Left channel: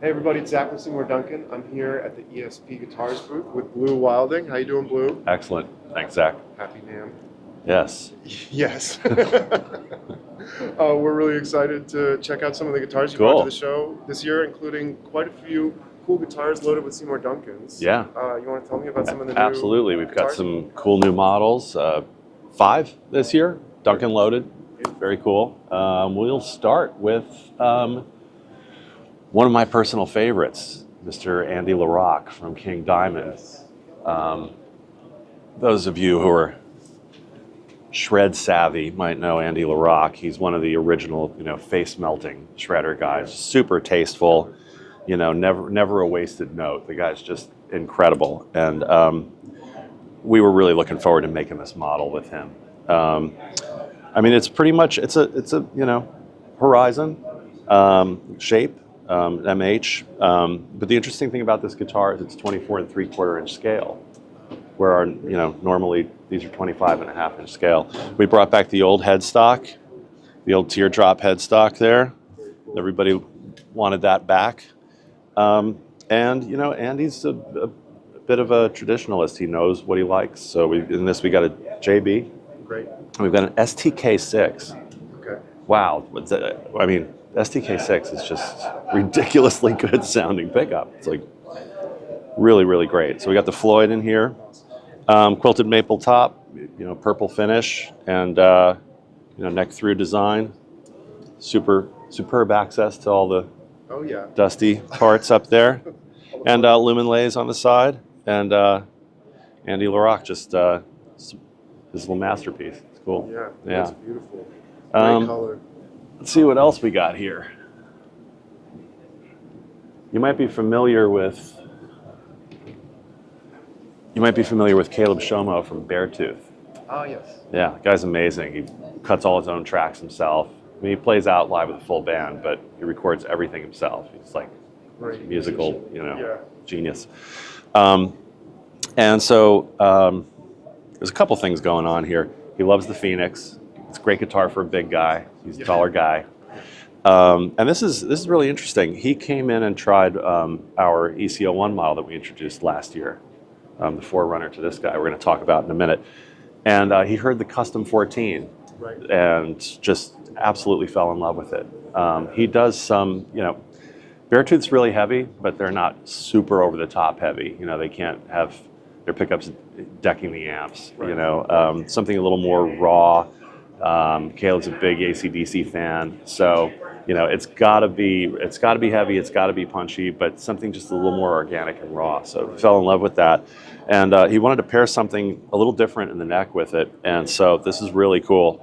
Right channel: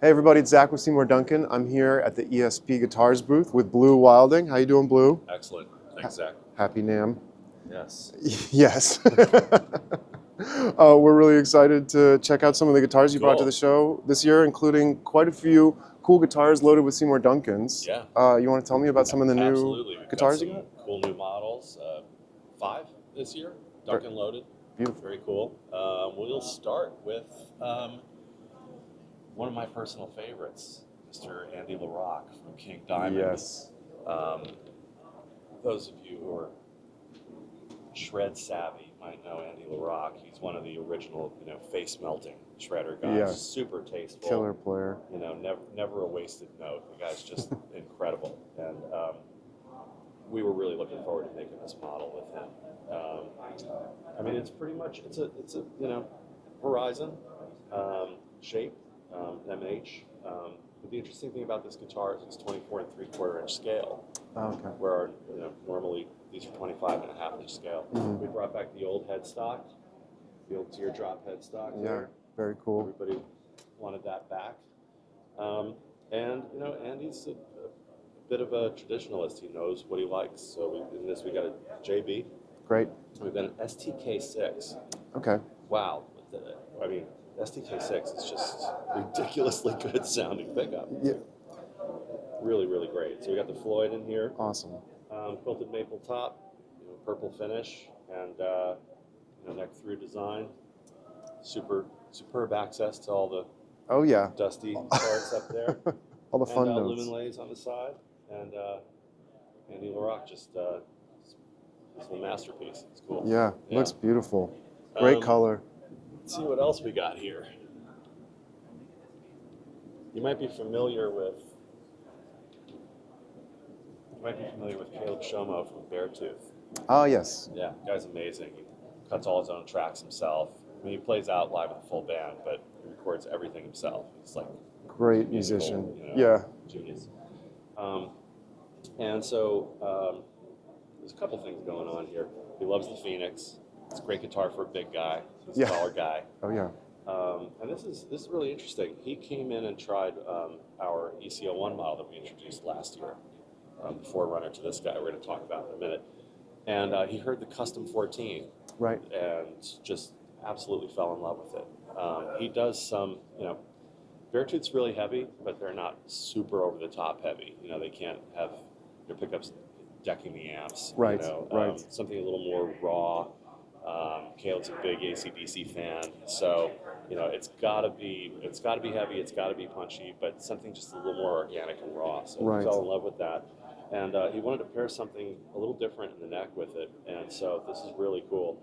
Hey everybody, it's Zach with Seymour Duncan. I'm here at the ESP Guitars booth with Blue Wilding. How you doing, Blue? Excellent. Thanks, Zach. Happy NAMM. Yes. Yes. We're really excited to check out some of the guitars you brought to the show this year, including quite a few cool guitars loaded with Seymour Duncans. Yeah. You want to tell me about some of the new Absolutely. We've got some cool new models. 5 this year, Duncan loaded. Very cool. We'll start with one of my personal favorites, Mr. Andy Larocque from King Diamond. Yes. Those of you who are shred savvy might know Andy Larocque. He's one of the original, face melting shredder guys. Yes. Super tasteful. Player. Never a wasted note. The guy's just incredible, and we were really looking forward to making this model with him. It's pretty much it's a Horizon shape. MH, but the interesting thing about this guitar is it's 24 3/4 inch scale, where normally these are 25.5 inch scale. Mm-hmm. We brought back the old headstock, the old teardrop headstock there. Very cool. Everybody wanted that back, and Andy's a bit of a traditionalist. He knows what he likes. So in this we got a JB. Great. And we've got an STK6. Okay. Wow. STK6 is just ridiculously good sounding pickup. It's like really, really great. So we got the Floyd in here. Awesome. Quilted maple top, purple finish, and neck through design. Superb access to all the dusty parts up there. And lumen-lays on the side. And Andy Larocque just his little masterpiece. It's cool. Yeah. That's beautiful. Great color. Let's see what else we got here. You might be familiar with Caleb Shomo from Beartooth. Oh, yes. Yeah, the guy's amazing. He cuts all his own tracks himself. He plays out live with a full band, but he records everything himself. He's like great musical, musician. Genius. And so there's a couple things going on here. He loves the Phoenix. It's a great guitar for a big guy. He's a taller guy. Oh yeah. And this is really interesting. He came in and tried our ECO1 model that we introduced last year, the forerunner to this guy. We're going to talk about in a minute. And he heard the Custom 14, right, and just absolutely fell in love with it. He does some, Beartooth's really heavy, but they're not super over the top heavy. They can't have their pickups decking the amps. Right. Something a little more raw. Caleb's a big AC/DC fan, so it's got to be heavy, it's got to be punchy, but something just a little more organic and raw. So he fell in love with that, and he wanted to pair something a little different in the neck with it, and so this is really cool.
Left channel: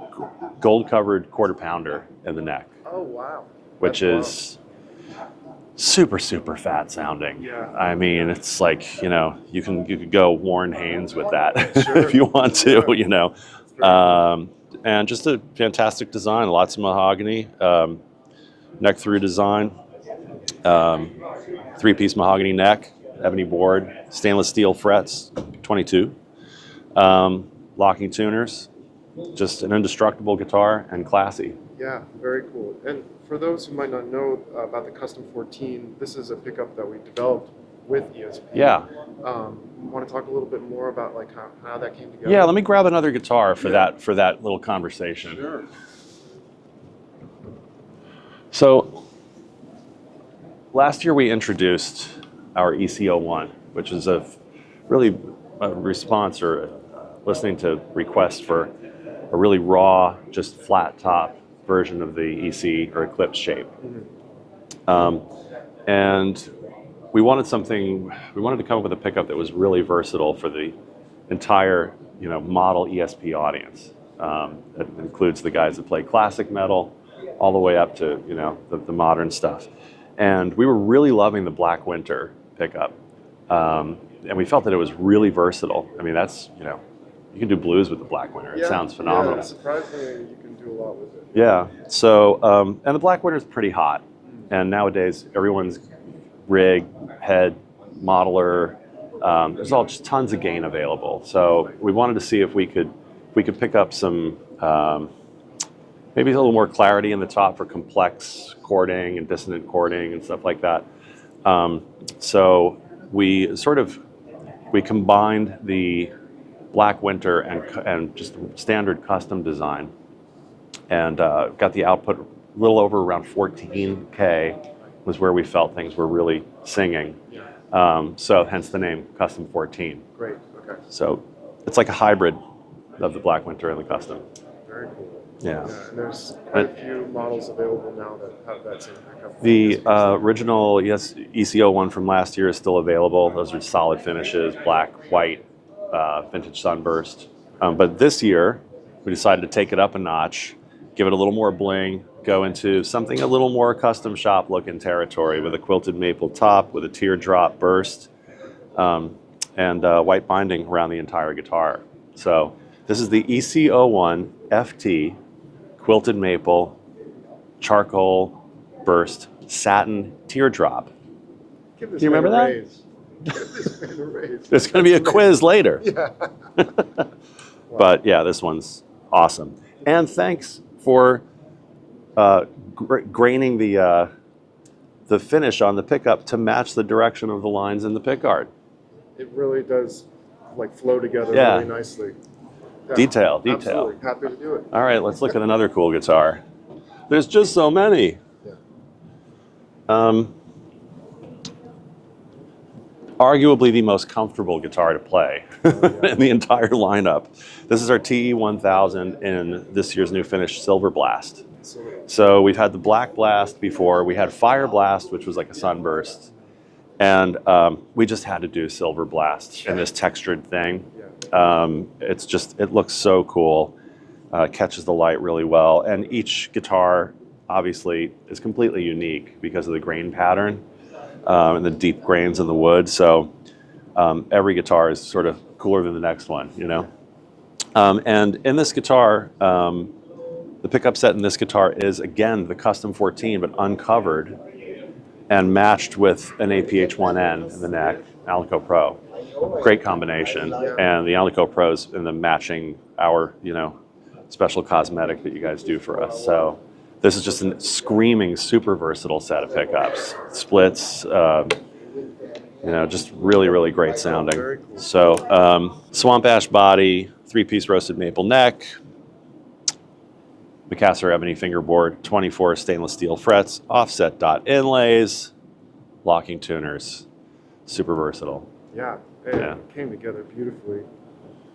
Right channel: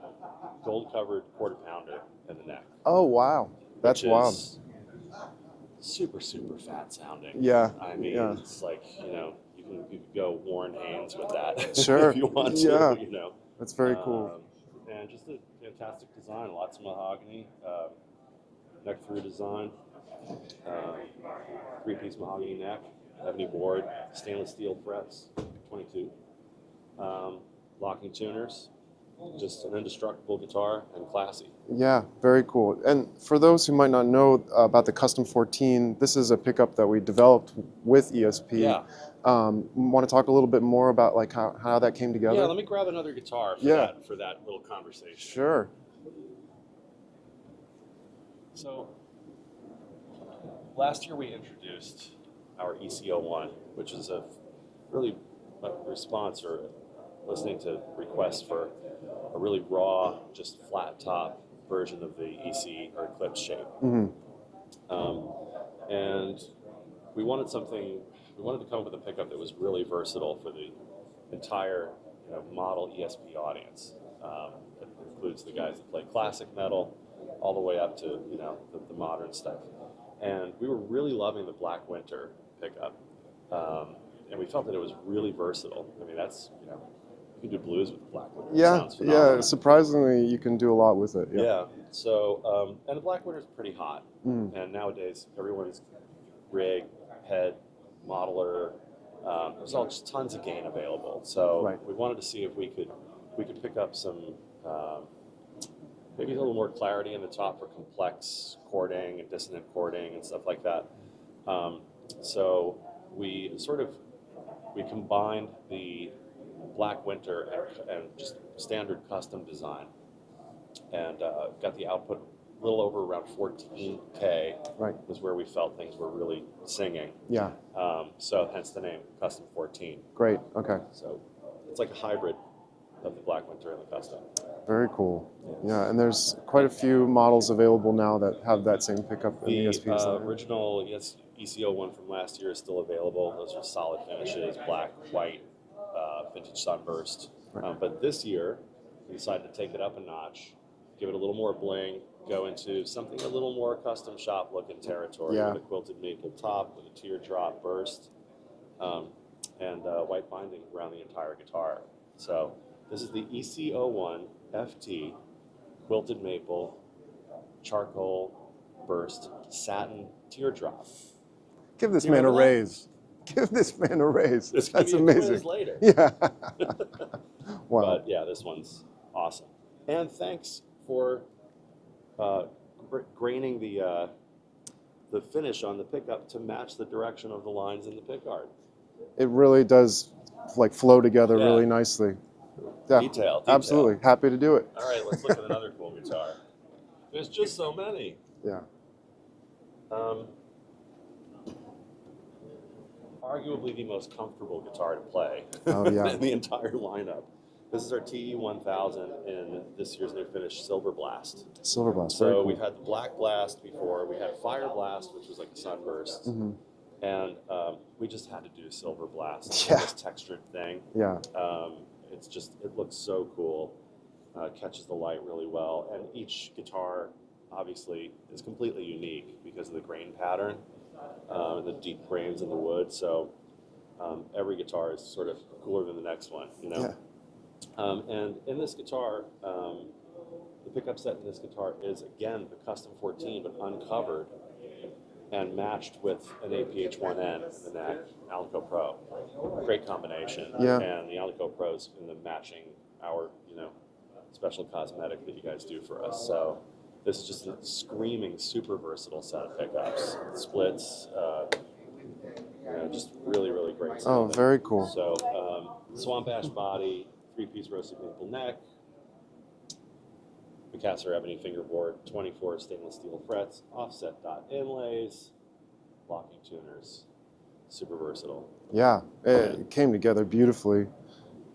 Gold-covered quarter pounder in the neck. Oh wow! Which is super fat sounding. Yeah. It's like you could go Warren Haynes with that sure. if you want to. That's very cool. And just a fantastic design, lots of mahogany, neck through design, 3-piece mahogany neck, ebony board, stainless steel frets, 22, locking tuners, just an indestructible guitar and classy. Yeah, very cool. And for those who might not know about the Custom 14, this is a pickup that we developed with ESP. Yeah. Want to talk a little bit more about how that came together? Yeah, let me grab another guitar for that little conversation. Sure. So last year we introduced our ECO1, which is really a response or listening to requests for a really raw, just flat top version of the EC or Eclipse shape. Mm-hmm. And we wanted to come up with a pickup that was really versatile for the entire, model ESP audience. It includes the guys that play classic metal all the way up to, the modern stuff. And we were really loving the Black Winter pickup. And we felt that it was really versatile. That's, you can do blues with the Black Winter. It sounds phenomenal. Yeah, surprisingly, you can do a lot with it. Yeah. So, and the Black Winter is pretty hot. And nowadays, everyone's rig, head, modeler, there's all just tons of gain available. So we wanted to see if we could pick up some, maybe a little more clarity in the top for complex chording and dissonant chording and stuff like that. So we combined the Black Winter and just standard custom design, and got the output a little over around 14K. Right. Was where we felt things were really singing. Yeah. So hence the name Custom 14. Great. Okay. So it's like a hybrid of the Black Winter and the custom. Very cool. Yeah. Yeah, and there's quite a few models available now that have that same pickup. The original ECO one from last year is still available. Those are solid finishes, black, white, vintage sunburst. But this year, we decided to take it up a notch, give it a little more bling, go into something a little more custom shop looking territory with a quilted maple top, with a teardrop burst, and white binding around the entire guitar. So this is the ECO1 FT quilted maple charcoal burst satin teardrop. Give this You man a remember that? raise. Give this man a raise. There's going to be a quiz later. Yeah. Wow. But yeah, this one's awesome. And thanks for graining the finish on the pickup to match the direction of the lines in the pickguard. It really does like flow together Yeah. really nicely. Yeah, Detail. Absolutely. Happy to do it. All right, let's look at another cool guitar. There's just so many. Yeah. Arguably the most comfortable guitar to play Yeah. in the entire lineup. This is our TE1000 in this year's new finish, Silver Blast. Silver Blast. So we've had the Black Blast before. We had Fire Blast, which was like a sunburst. Mm-hmm. And we just had to do Silver Blast in this textured thing. Yeah. It's just, it looks so cool. Catches the light really well. And each guitar, obviously, is completely unique because of the grain pattern and the deep grains in the wood. So every guitar is sort of cooler than the next one, you know? Yeah. And in this guitar, the pickup set in this guitar is, again, the Custom 14, but uncovered and matched with an APH1N in the neck, Alico Pro. Great combination. Yeah. And the Alico Pro's in the matching our, special cosmetic that you guys do for us. So this is just a screaming, super versatile set of pickups. Splits, just really, really great sounding. Oh, very cool. So swamp ash body, 3-piece roasted maple neck, Macassar ebony fingerboard, 24 stainless steel frets, offset dot inlays, locking tuners, super versatile. Yeah. It came together beautifully.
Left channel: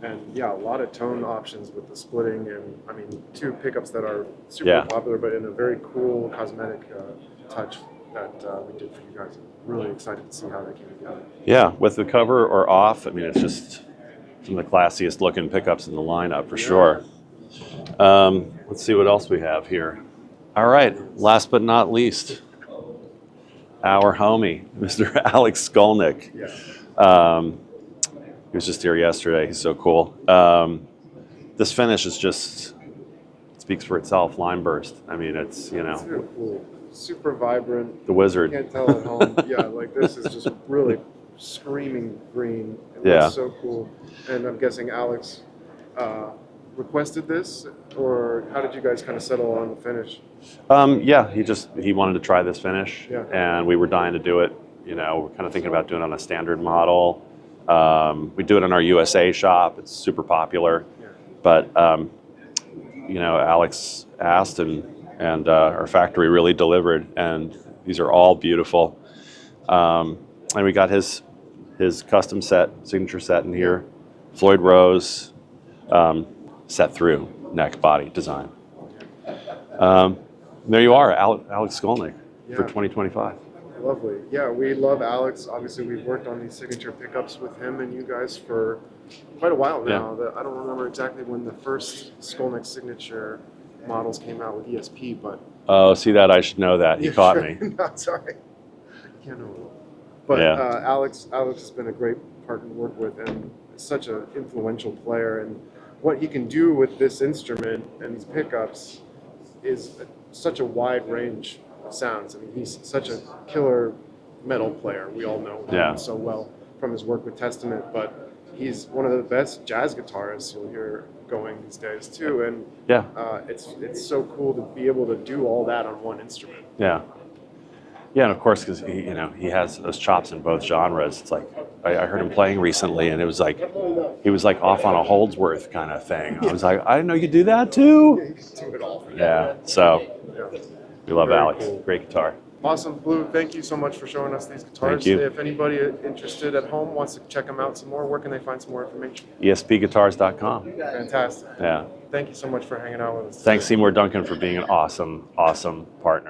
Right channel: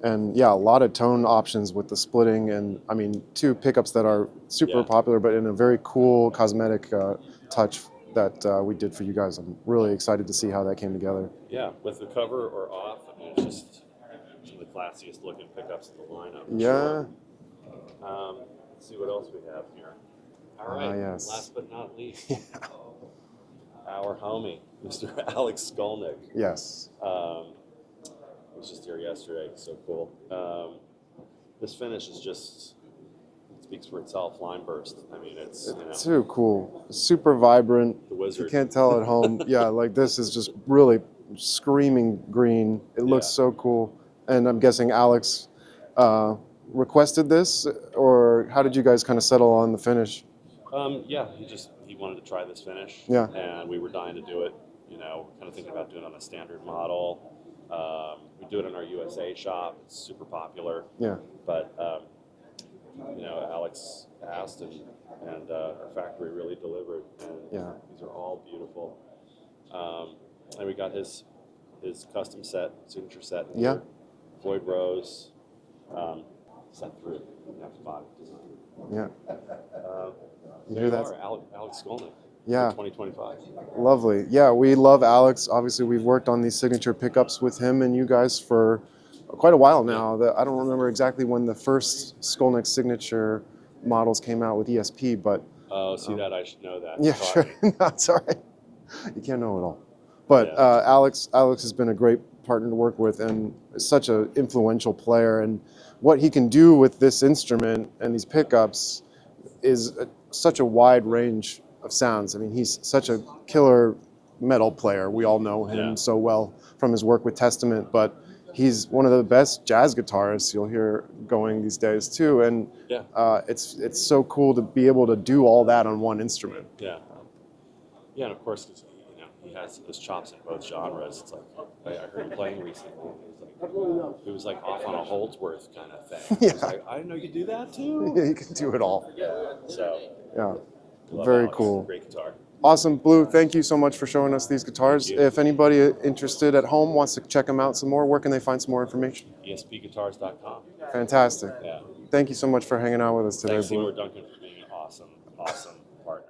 And yeah, a lot of tone options with the splitting, and I mean, 2 pickups that are super popular, but in a very cool cosmetic touch that we did for you guys. I'm really excited to see how that came together. Yeah, with the cover or off, I mean, it's just some of the classiest looking pickups in the lineup for sure. Let's see what else we have here. All right, last but not least, our homie, Mr. Alex Skolnick. Yes. He was just here yesterday. He's so cool. This finish is just, it speaks for itself, line burst. I mean, it's, So cool. Super vibrant. the wizard. You can't tell at home. Yeah, like this is just really screaming green. It looks so cool. And I'm guessing Alex requested this, or how did you guys kind of settle on the finish? He wanted to try this finish. Yeah. And we were dying to do it. We're kind of thinking about doing it on a standard model. We do it in our USA shop. It's super popular. Yeah. But Alex asked, and our factory really delivered, and these are all beautiful. And we got his custom set, signature set in here, Floyd Rose, set through neck body design. Yeah. There you are, Alex Skolnick for Yeah. 2025. Lovely. Yeah, we love Alex. Obviously, we've worked on these signature pickups with him and you guys for quite a while now. I don't remember exactly when the first Skolnick signature models came out with ESP, but... Oh, see that? I should know that. He caught me. No, sorry. You can't know it all. But Alex has been a great partner to work with and is such an influential player. And what he can do with this instrument and these pickups is such a wide range of sounds. I mean, he's such a killer metal player. We all know him so well from his work with Testament, but he's one of the best jazz guitarists you'll hear going these days too. And it's so cool to be able to do all that on one instrument. Yeah. Yeah, and of course, because he has those chops in both genres. It's like I heard him playing recently, and it was like he was like off on a Holdsworth kind of thing. I was like, I didn't know you could do that too. Yeah, you can do it all. Yeah, so Yeah. we love Very Alex. cool. Great guitar. Awesome, Blue. Thank you so much for showing us these guitars. Thank you. If anybody interested at home wants to check them out some more, where can they find some more information? ESPguitars.com. Fantastic. Yeah. Thank you so much for hanging out with us today. Thanks, Seymour Duncan, for being an awesome, awesome partner.